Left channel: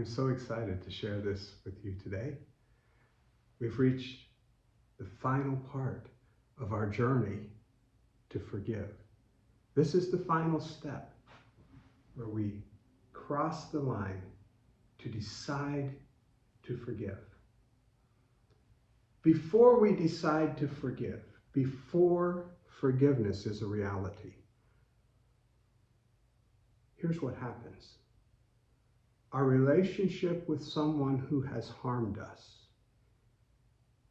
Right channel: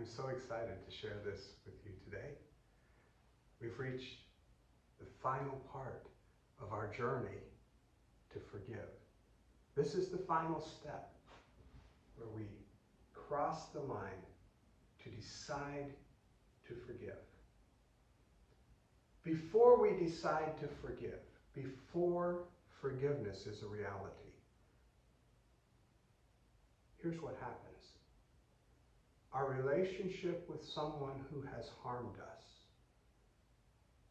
I'm so excited to share this with you today. We've reached the final part of our journey to forgive. This is the final step where we cross the line to decide to forgive. Before we decide to forgive, before forgiveness is a reality, here's what happens. Our relationship with someone who has harmed us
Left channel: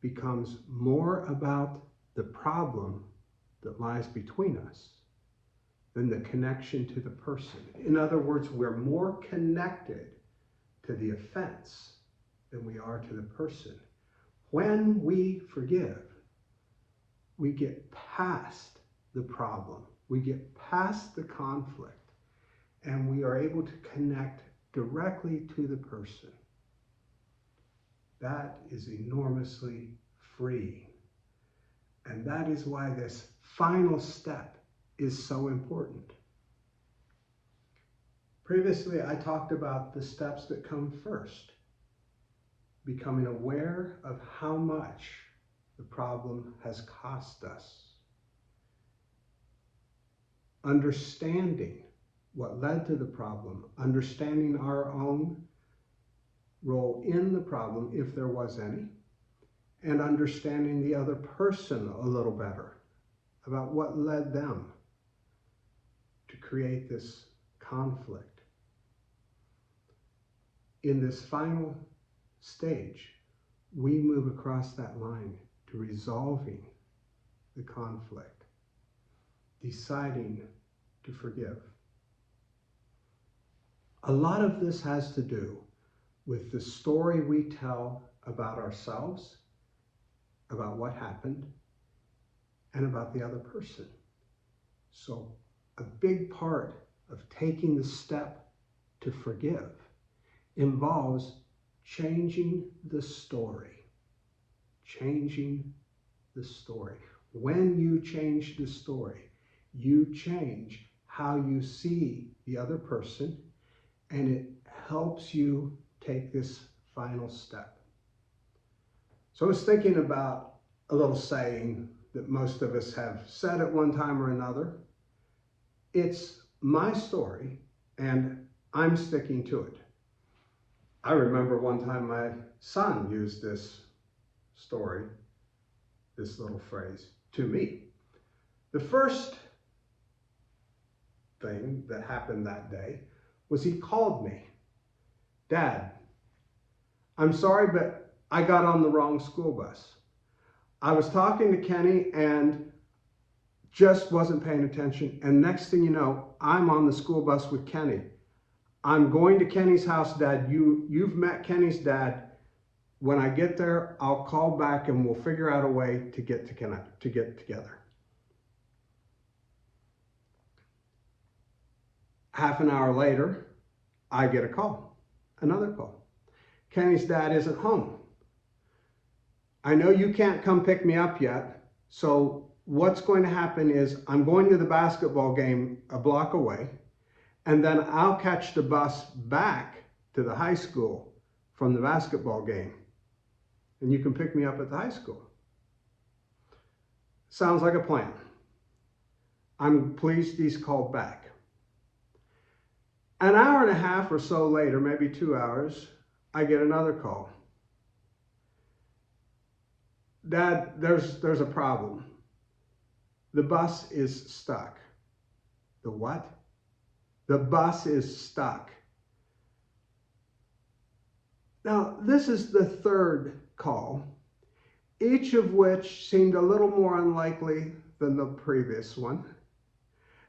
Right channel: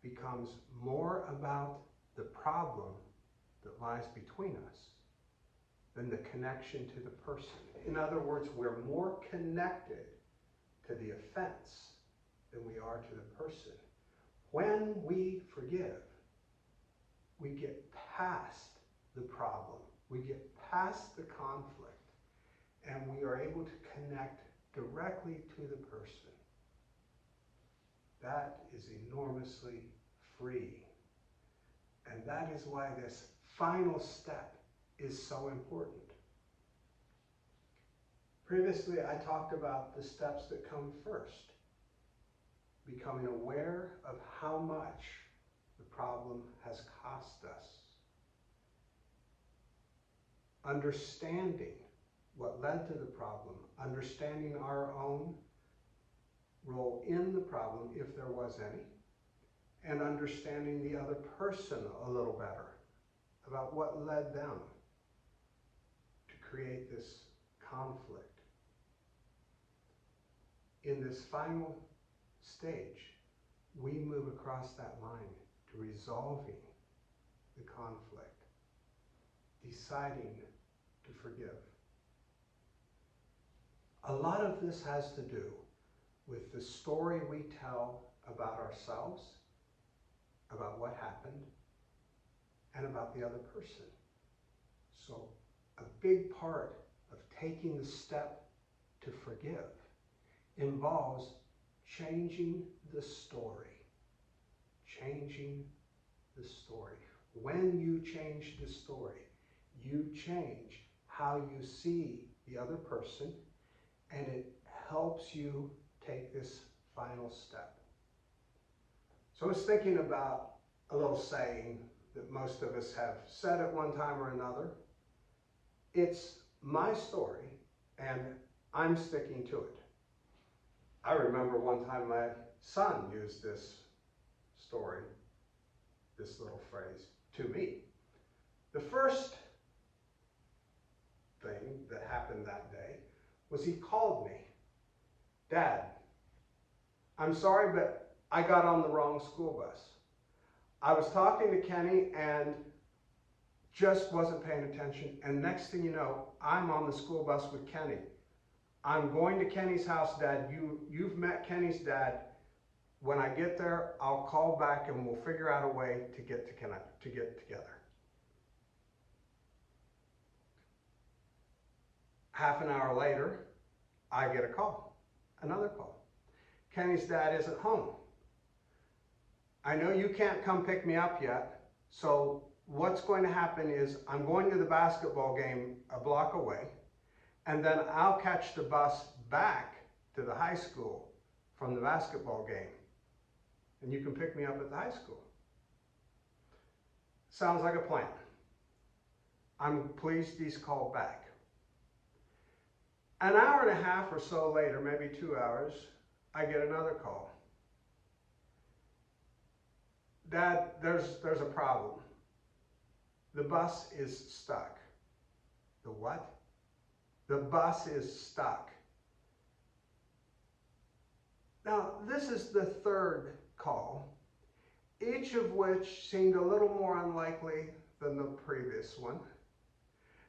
becomes more about the problem that lies between us than the connection to the person. In other words, we're more connected to the offense than we are to the person. When we forgive, we get past the problem, we get past the conflict, and we are able to connect directly to the person. That is enormously freeing. And that is why this final step is so important. Previously, I talked about the steps that come first. Becoming aware of how much the problem has cost us. Understanding what led to the problem, understanding our own role in the problem, if there was any, and understanding the other person a little better about what led them to create this conflict. In this final stage, we move across that line to resolving the conflict, deciding to forgive. A lot of this has to do with the story we tell about ourselves, about what happened, and about the other person. So a big part of taking the step to forgive involves changing the story. Changing the story. When you change the story, you change how you see the other person, and it helps you take this final step. So I was thinking about a little saying that most of us have said at one time or another. It's my story, and I'm sticking to it. I remember one time my son used this story, this little phrase, to me. The first thing that happened that day was he called me. Dad, I'm sorry, but I got on the wrong school bus. I was talking to Kenny and just wasn't paying attention. And next thing you know, I'm on the school bus with Kenny. I'm going to Kenny's house, Dad. You've met Kenny's dad. When I get there, I'll call back and we'll figure out a way to get together. Half an hour later, I get a call, another call. Kenny's dad isn't home. I know you can't come pick me up yet, so what's going to happen is I'm going to the basketball game a block away, and then I'll catch the bus back to the high school from the basketball game, and you can pick me up at the high school. Sounds like a plan. I'm pleased he's called back. An hour and a half or so later, maybe 2 hours, I get another call. Dad, there's a problem. The bus is stuck. The what? The bus is stuck. Now, this is the third call, each of which seemed a little more unlikely than the previous one.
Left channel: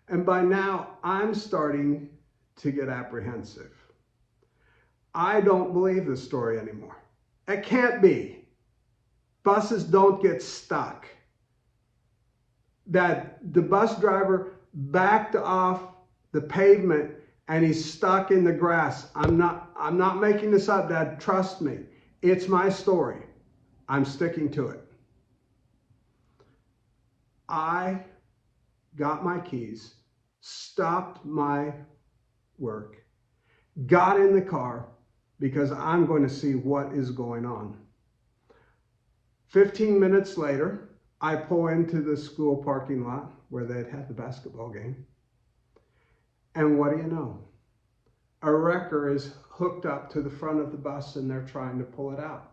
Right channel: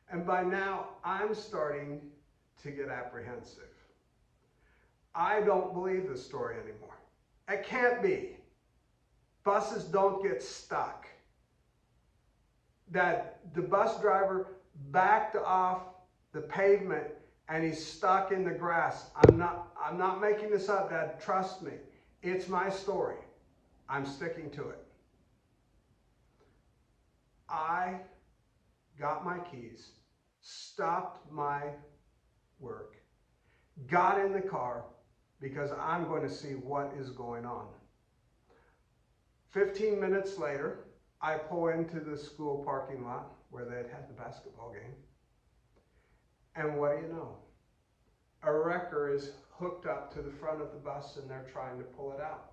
And by now, I'm starting to get apprehensive. I don't believe this story anymore. It can't be. Buses don't get stuck. That the bus driver backed off the pavement and he's stuck in the grass. I'm not making this up, Dad. Trust me. It's my story. I'm sticking to it. I got my keys, stopped my work, got in the car, because I'm going to see what is going on. 15 minutes later, I pull into the school parking lot where they'd had the basketball game. And what do you know? A wrecker is hooked up to the front of the bus and they're trying to pull it out.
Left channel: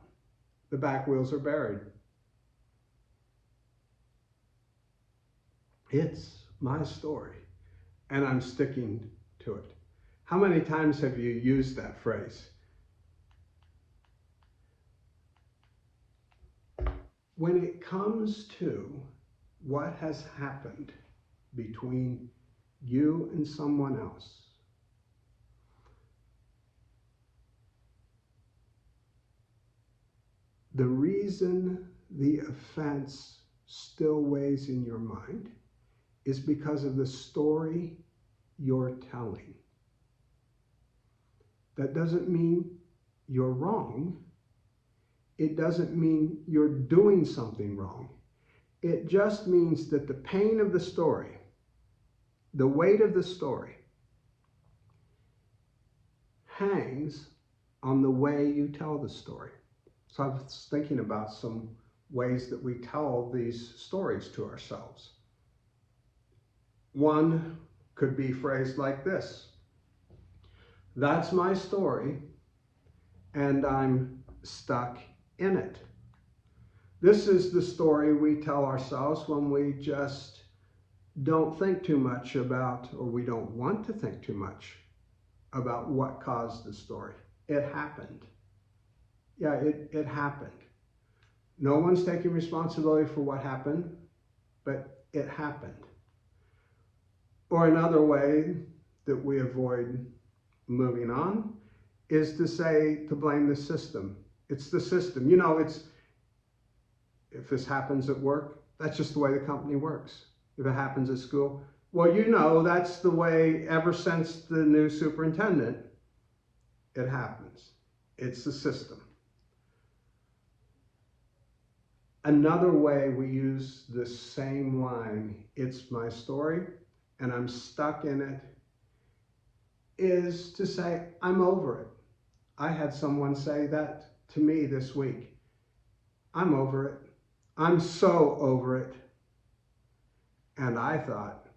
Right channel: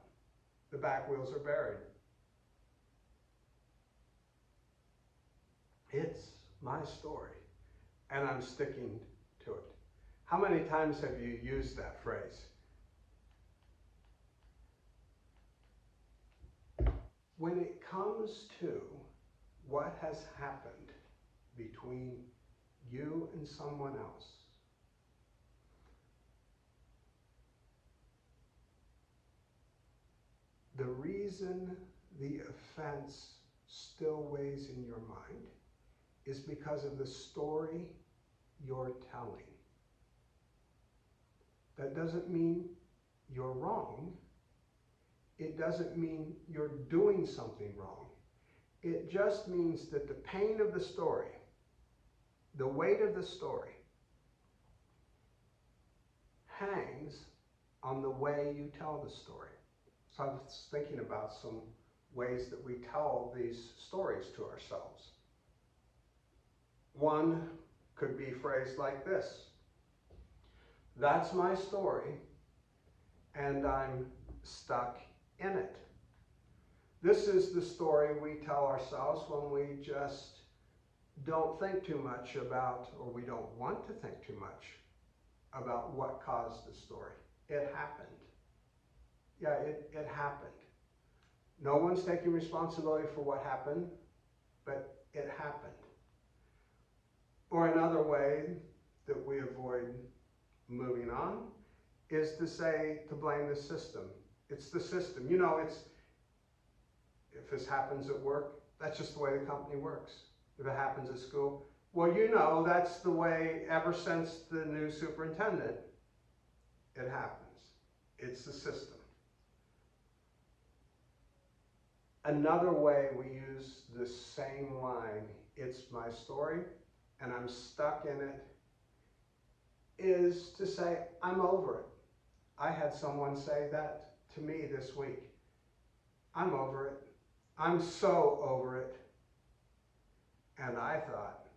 The back wheels are buried. It's my story, and I'm sticking to it. How many times have you used that phrase? When it comes to what has happened between you and someone else, the reason the offense still weighs in your mind is because of the story you're telling. That doesn't mean you're wrong. It doesn't mean you're doing something wrong. It just means that the pain of the story, the weight of the story, hangs on the way you tell the story. So I was thinking about some ways that we tell these stories to ourselves. One could be phrased like this: that's my story, and I'm stuck in it. This is the story we tell ourselves when we just don't think too much about, or we don't want to think too much about what caused the story. It happened. Yeah, it happened. No one's taking responsibility for what happened, but it happened. Or another way that we avoid moving on is to blame the system. It's the system. You know, if this happens at work, that's just the way the company works. If it happens at school, well, you know, that's the way ever since the new superintendent, it happens. It's the system. Another way we use the same line, it's my story and I'm stuck in it, is to say, I'm over it. I had someone say that to me this week. I'm over it. I'm so over it. And I thought,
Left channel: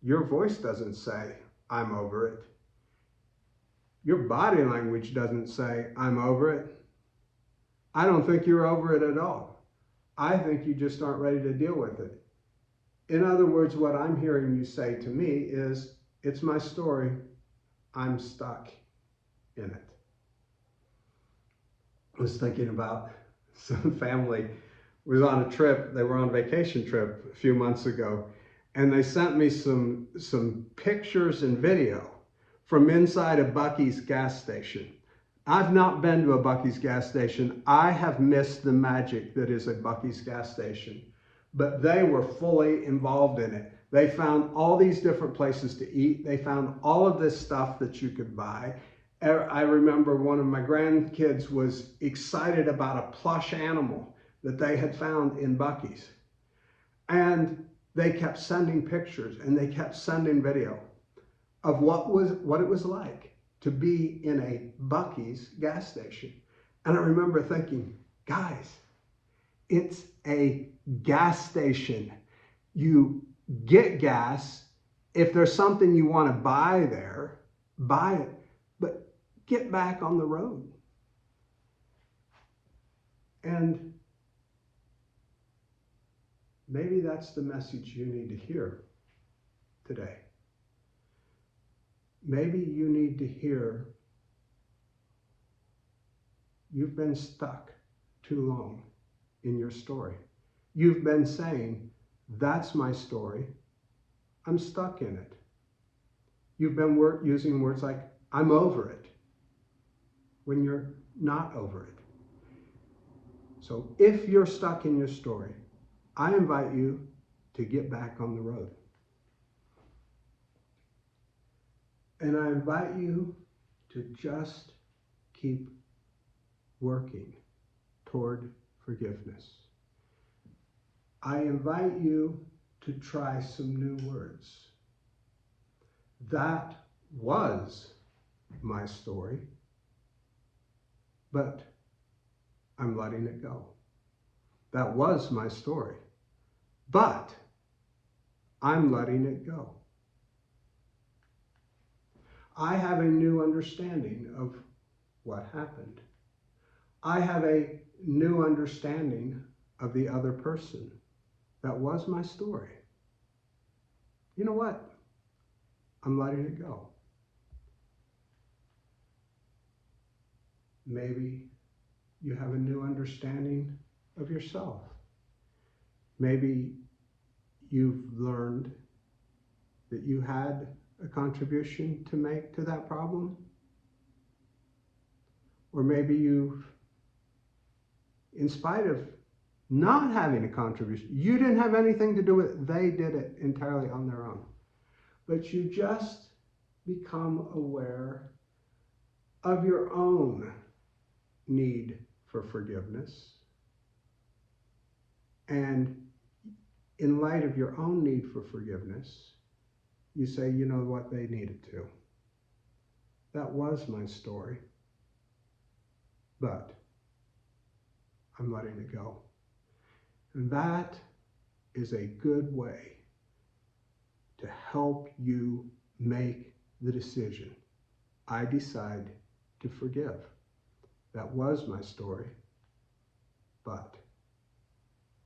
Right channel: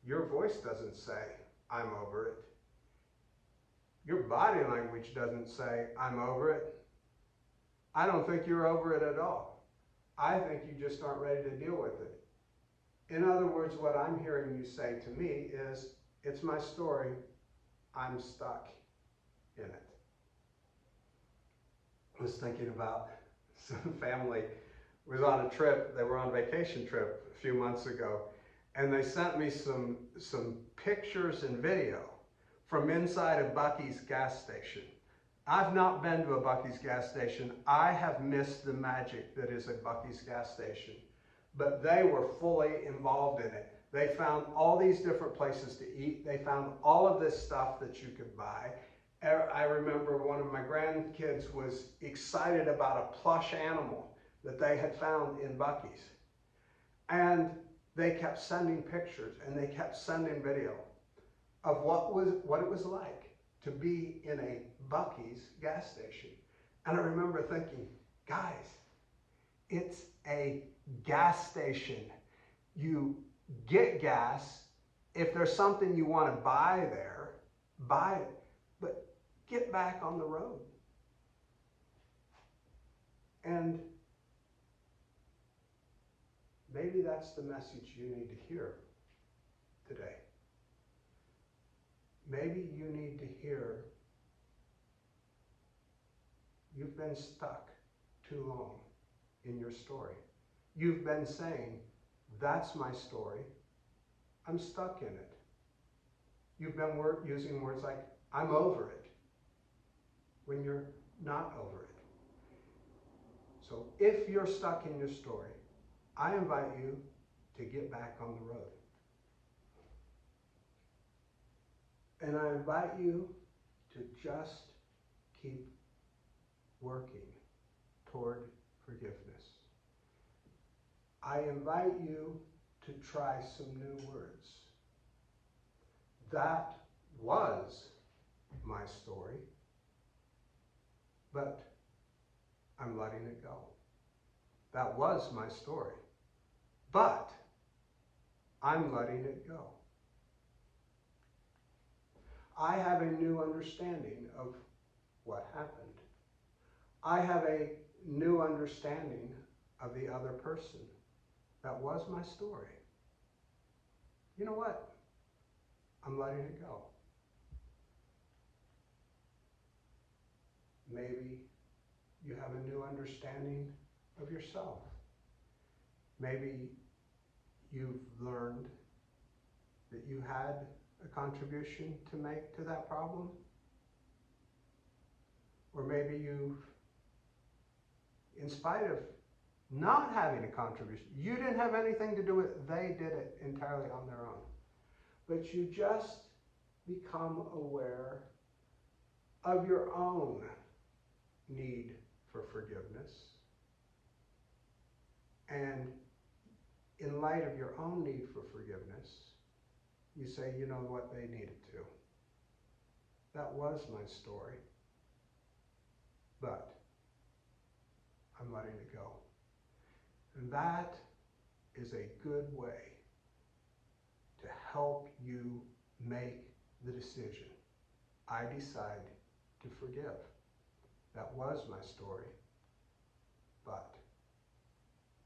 your voice doesn't say, I'm over it. Your body language doesn't say, I'm over it. I don't think you're over it at all. I think you just aren't ready to deal with it. In other words, what I'm hearing you say to me is, it's my story. I'm stuck in it. I was thinking about some family was on a trip. They were on a vacation trip a few months ago, and they sent me some pictures and video from inside a Buc-ee's gas station. I've not been to a Buc-ee's gas station. I have missed the magic that is a Buc-ee's gas station, but they were fully involved in it. They found all these different places to eat. They found all of this stuff that you could buy. I remember one of my grandkids was excited about a plush animal that they had found in Buc-ee's. And they kept sending pictures and they kept sending video of what it was like to be in a Buc-ee's gas station. And I remember thinking, guys, it's a gas station. You get gas. If there's something you want to buy there, buy it. But get back on the road. And maybe that's the message you need to hear today. Maybe you need to hear, you've been stuck too long in your story. You've been saying, that's my story. I'm stuck in it. You've been using words like, I'm over it, when you're not over it. So if you're stuck in your story, I invite you to get back on the road. And I invite you to just keep working toward forgiveness. I invite you to try some new words. That was my story. but I'm letting it go. That was my story, but I'm letting it go. I have a new understanding of what happened. I have a new understanding of the other person. That was my story. You know what? I'm letting it go. Maybe you have a new understanding of yourself. Maybe you've learned that you had a contribution to make to that problem. Or maybe you've, in spite of not having a contribution, you didn't have anything to do with it, they did it entirely on their own. But you just become aware of your own need for forgiveness. And in light of your own need for forgiveness, you say, you know what, they needed to. That was my story. But I'm letting it go. And that is a good way to help you make the decision. I decide to forgive. That was my story, but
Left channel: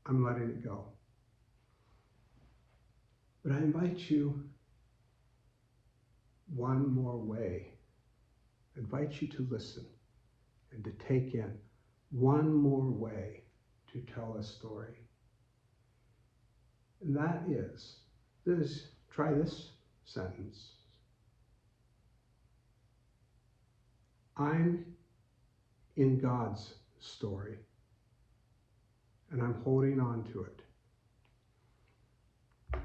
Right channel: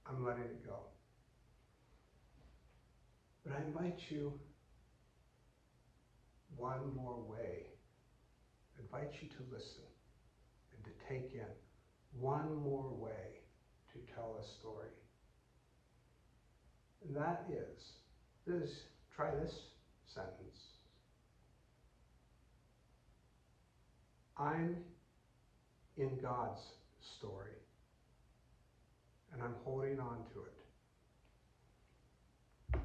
I'm letting it go. But I invite you one more way. I invite you to listen and to take in one more way to tell a story. And that is, try this sentence. I'm in God's story, and I'm holding on to it.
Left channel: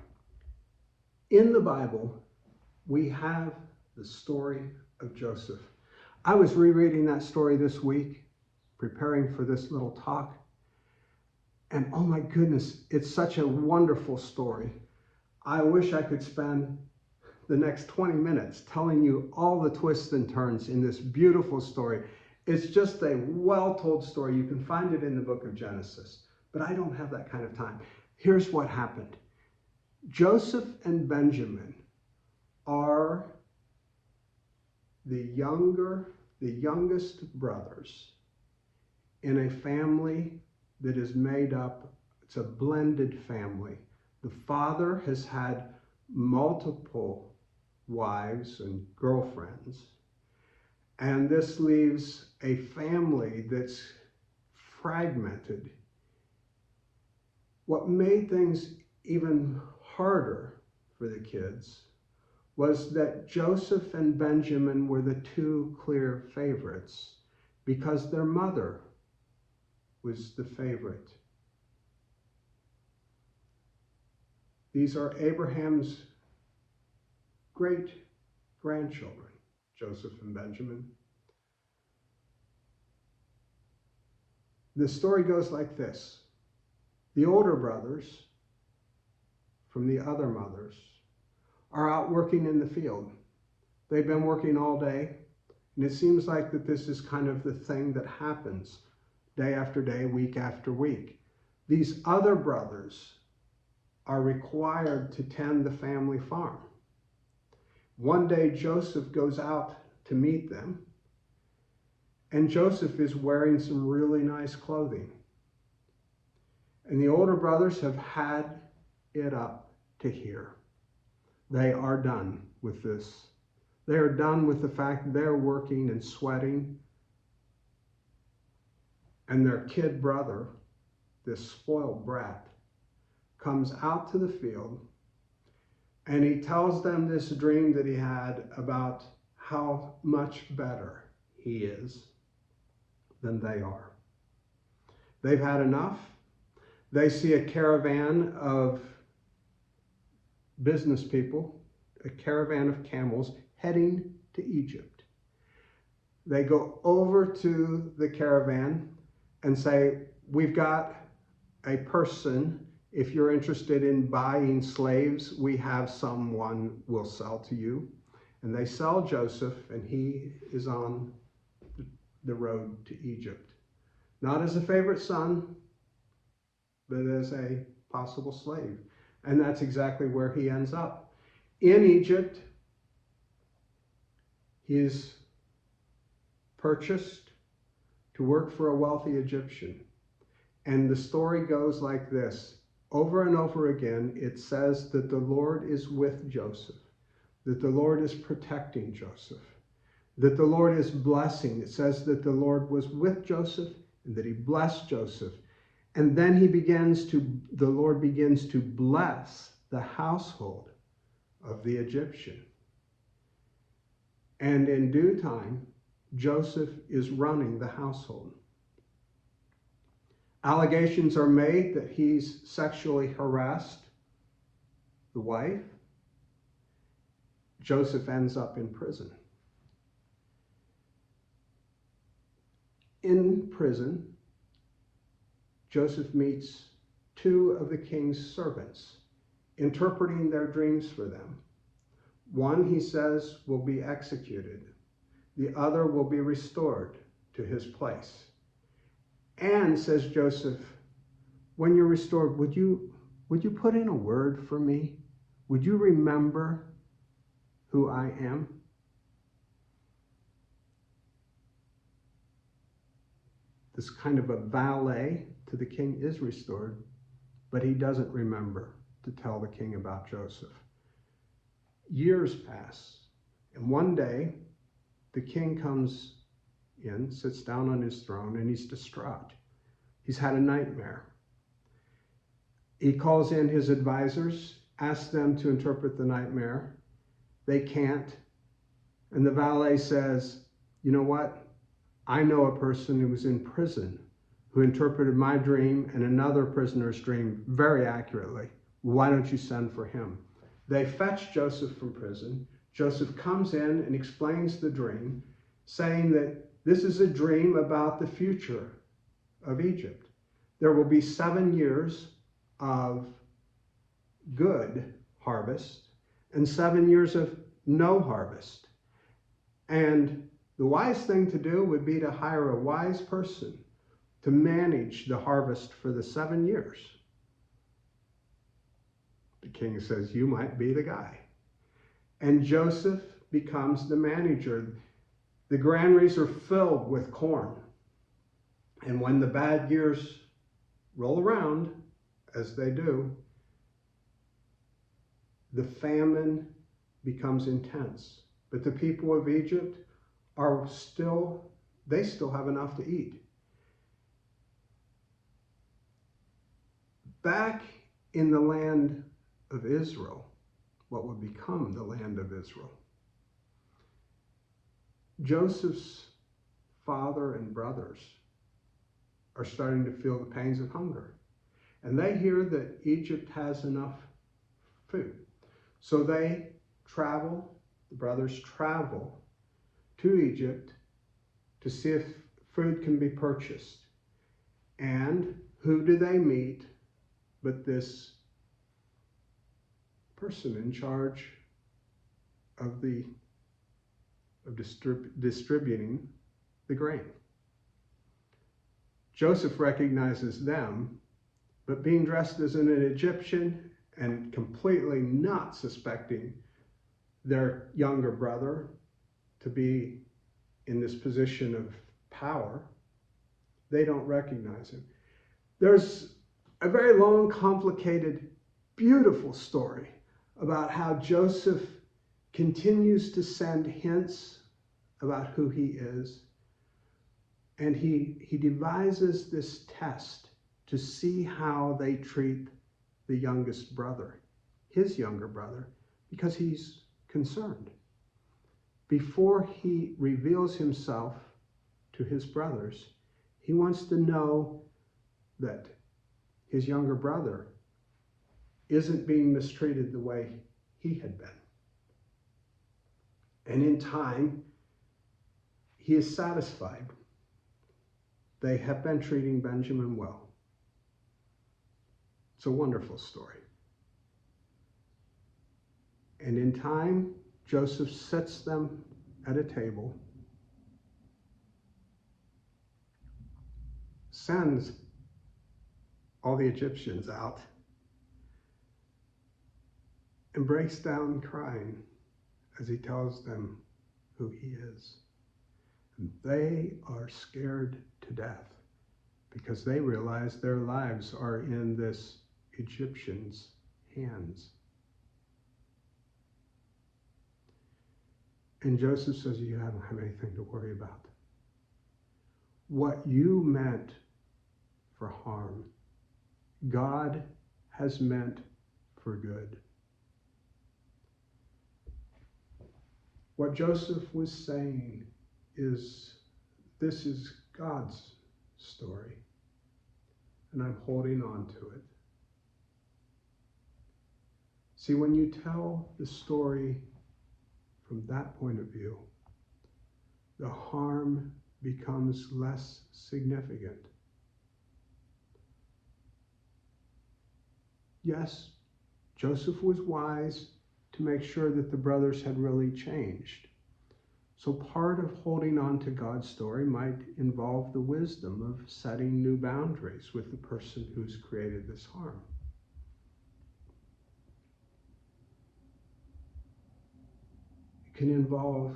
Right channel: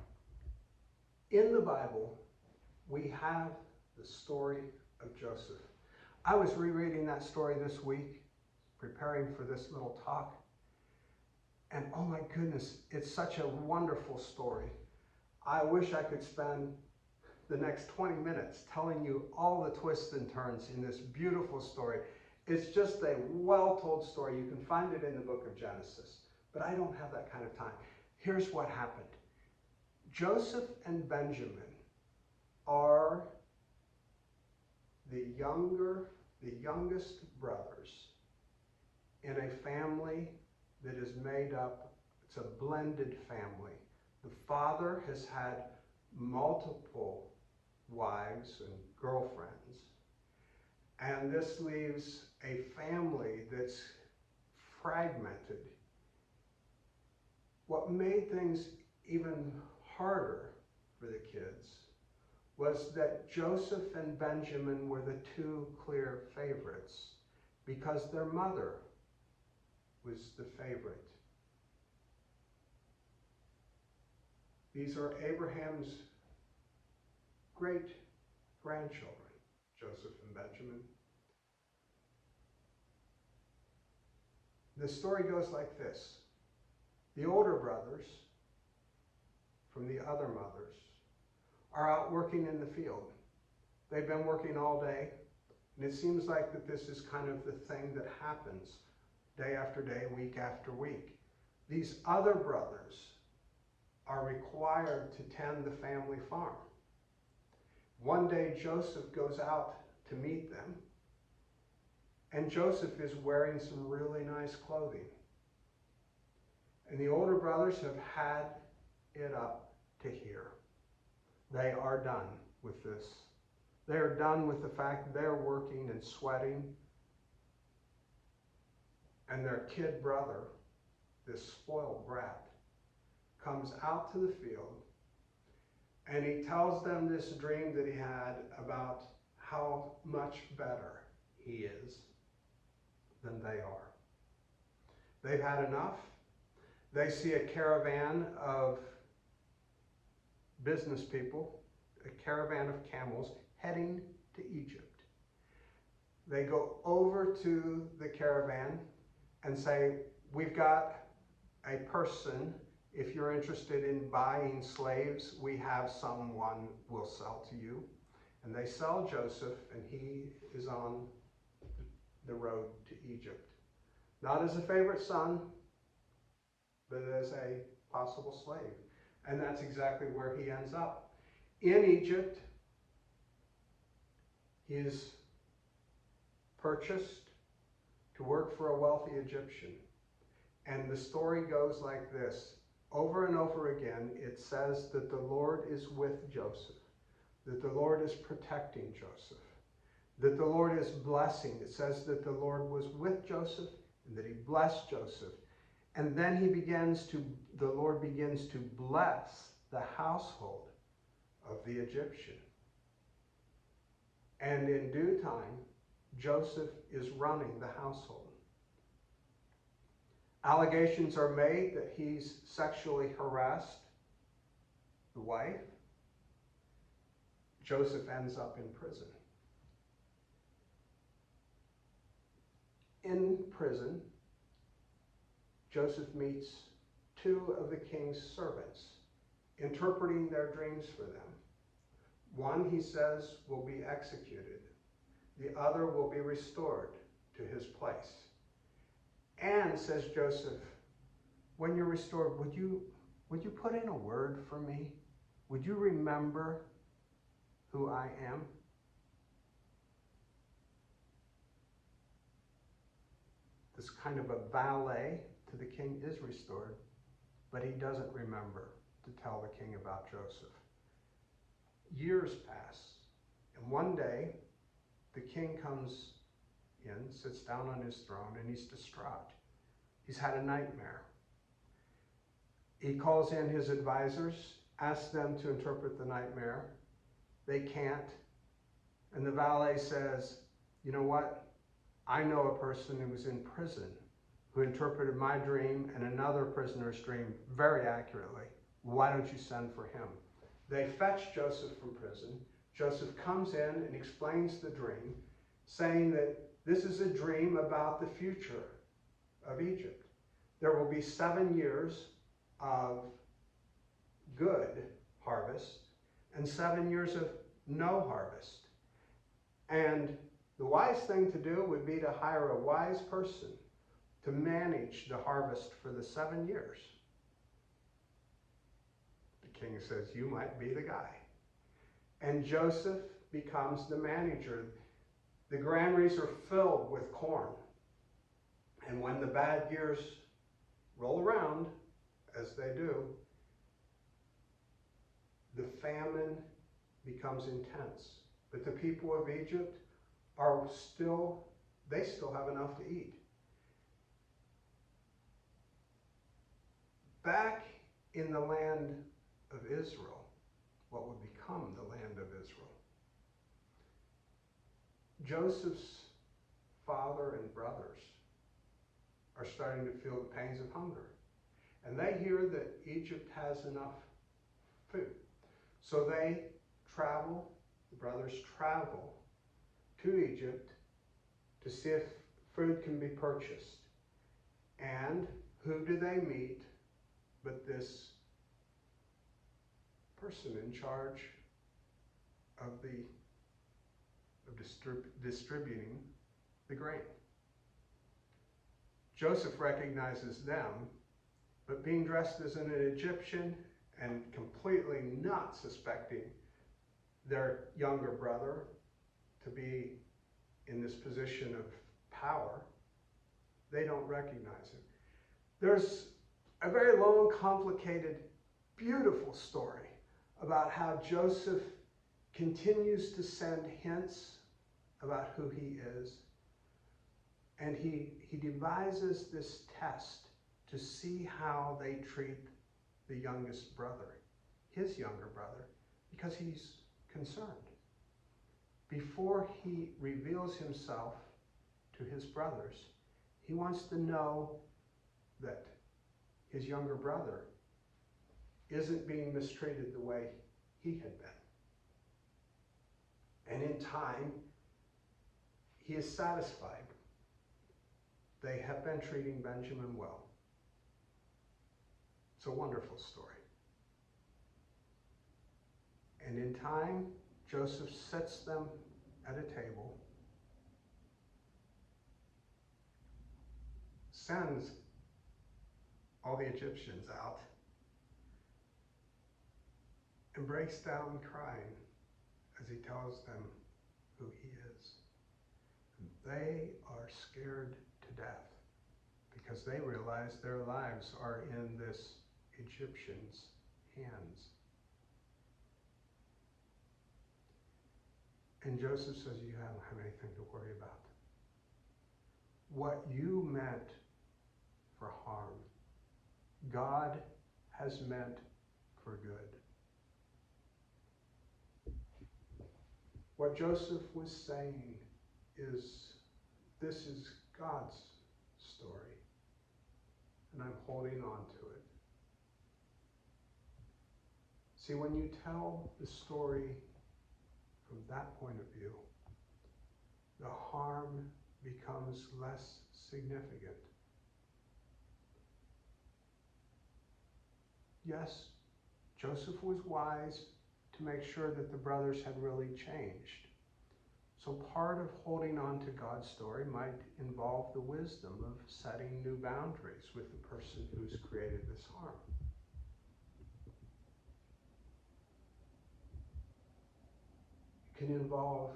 In the Bible, we have the story of Joseph. I was rereading that story this week, preparing for this little talk, and oh my goodness, it's such a wonderful story. I wish I could spend the next 20 minutes telling you all the twists and turns in this beautiful story. It's just a well-told story. You can find it in the book of Genesis, but I don't have that kind of time. Here's what happened. Joseph and Benjamin are the youngest brothers in a family that is made up, it's a blended family. The father has had multiple wives and girlfriends, and this leaves a family that's fragmented. What made things even harder for the kids was that Joseph and Benjamin were the two clear favorites because their mother was the favorite. These are Abraham's great-grandchildren, Joseph and Benjamin. The story goes like this. The older brothers from the other mothers are out working in the field. They've been working all day, and it seems like that this is kind of the thing that happens day after day, week after week. These other brothers are required to tend the family farm. One day, Joseph goes out to meet them, and Joseph is wearing some really nice clothing. And the older brothers have had it up to here. They are done with this. They are done with the fact that they're working and sweating. And their kid brother, this spoiled brat, comes out to the field and he tells them this dream that he had about how much better he is than they are. They've had enough. They see a caravan of business people, a caravan of camels heading to Egypt. They go over to the caravan and say, we've got a person. If you're interested in buying slaves, we have someone we'll sell to you. And they sell Joseph, and he is on the road to Egypt. Not as a favorite son, but as a possible slave. And that's exactly where he ends up. In Egypt, he is purchased to work for a wealthy Egyptian. And the story goes like this. Over and over again, it says that the Lord is with Joseph, that the Lord is protecting Joseph, that the Lord is blessing. It says that the Lord was with Joseph and that he blessed Joseph. And then the Lord begins to bless the household of the Egyptian. And in due time, Joseph is running the household. Allegations are made that he's sexually harassed the wife. Joseph ends up in prison. In prison, Joseph meets two of the king's servants, interpreting their dreams for them. One, he says, will be executed. The other will be restored to his place. And, says Joseph, when you're restored, would you put in a word for me? Would you remember who I am? This kind of a valet to the king is restored, but he doesn't remember to tell the king about Joseph. Years pass, and one day the king comes in, sits down on his throne, and he's distraught. He's had a nightmare. He calls in his advisors, asks them to interpret the nightmare. They can't. And the valet says, you know what? I know a person who was in prison who interpreted my dream and another prisoner's dream very accurately. Why don't you send for him? They fetch Joseph from prison. Joseph comes in and explains the dream, saying that this is a dream about the future of Egypt. There will be 7 years of good harvest and 7 years of no harvest. And the wise thing to do would be to hire a wise person to manage the harvest for the 7 years. The king says, you might be the guy. And Joseph becomes the manager. The granaries are filled with corn. And when the bad years roll around, as they do, the famine becomes intense. But the people of Egypt they still have enough to eat. Back in the land of Israel, what would become the land of Israel, Joseph's father and brothers are starting to feel the pangs of hunger. And they hear that Egypt has enough food. So the brothers travel to Egypt to see if food can be purchased. And who do they meet but this person in charge of distributing the grain? Joseph recognizes them, but being dressed as an Egyptian and completely not suspecting their younger brother to be in this position of power, they don't recognize him. There's a very long, complicated, beautiful story about how Joseph continues to send hints about who he is. And he devises this test to see how they treat the youngest brother, his younger brother, because he's concerned. Before he reveals himself to his brothers, he wants to know that his younger brother isn't being mistreated the way he had been. And in time, he is satisfied. They have been treating Benjamin well. It's a wonderful story. And in time, Joseph sets them at a table sends all the Egyptians out and breaks down crying as he tells them who he is. And they are scared to death because they realize their lives are in this Egyptian's hands. And Joseph says, you don't have anything to worry about. What you meant for harm, God has meant for good. What Joseph was saying is, this is God's story, and I'm holding on to it. See, when you tell the story from that point of view, the harm becomes less significant. Yes, Joseph was wise to make sure that the brothers had really changed. So part of holding on to God's story might involve the wisdom of setting new boundaries with the person who's created this harm. It can involve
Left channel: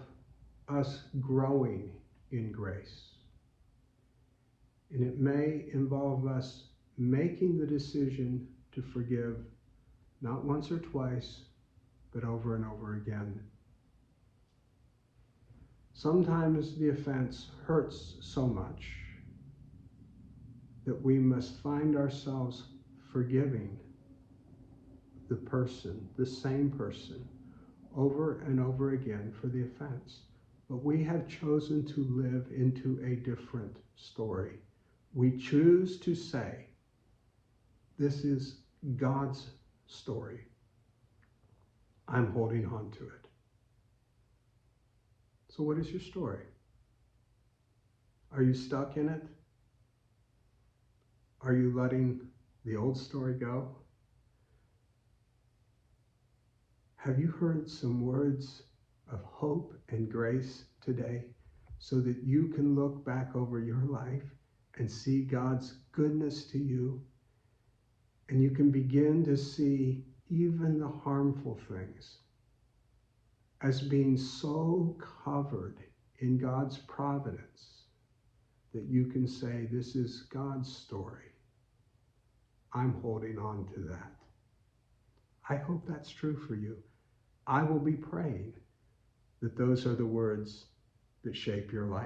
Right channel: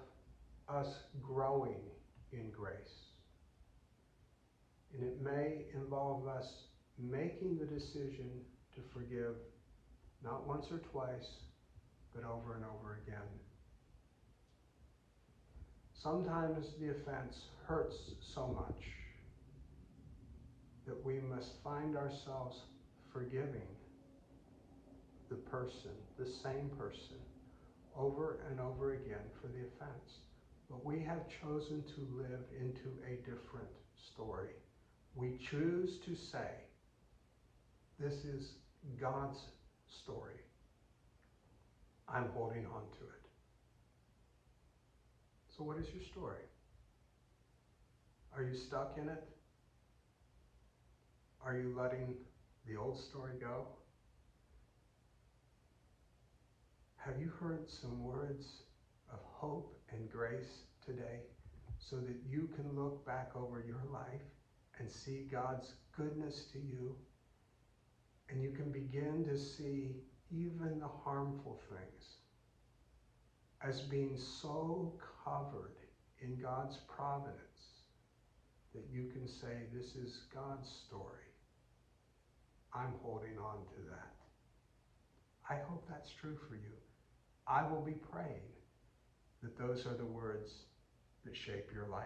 us growing in grace. And it may involve us making the decision to forgive not once or twice, but over and over again. Sometimes the offense hurts so much that we must find ourselves forgiving the person, the same person, over and over again for the offense. But we have chosen to live into a different story. We choose to say, this is God's story. I'm holding on to it. So what is your story? Are you stuck in it? Are you letting the old story go? Have you heard some words of hope and grace today so that you can look back over your life and see God's goodness to you, and you can begin to see even the harmful things as being so covered in God's providence that you can say, this is God's story. I'm holding on to that. I hope that's true for you. I will be praying that those are the words that shape your life.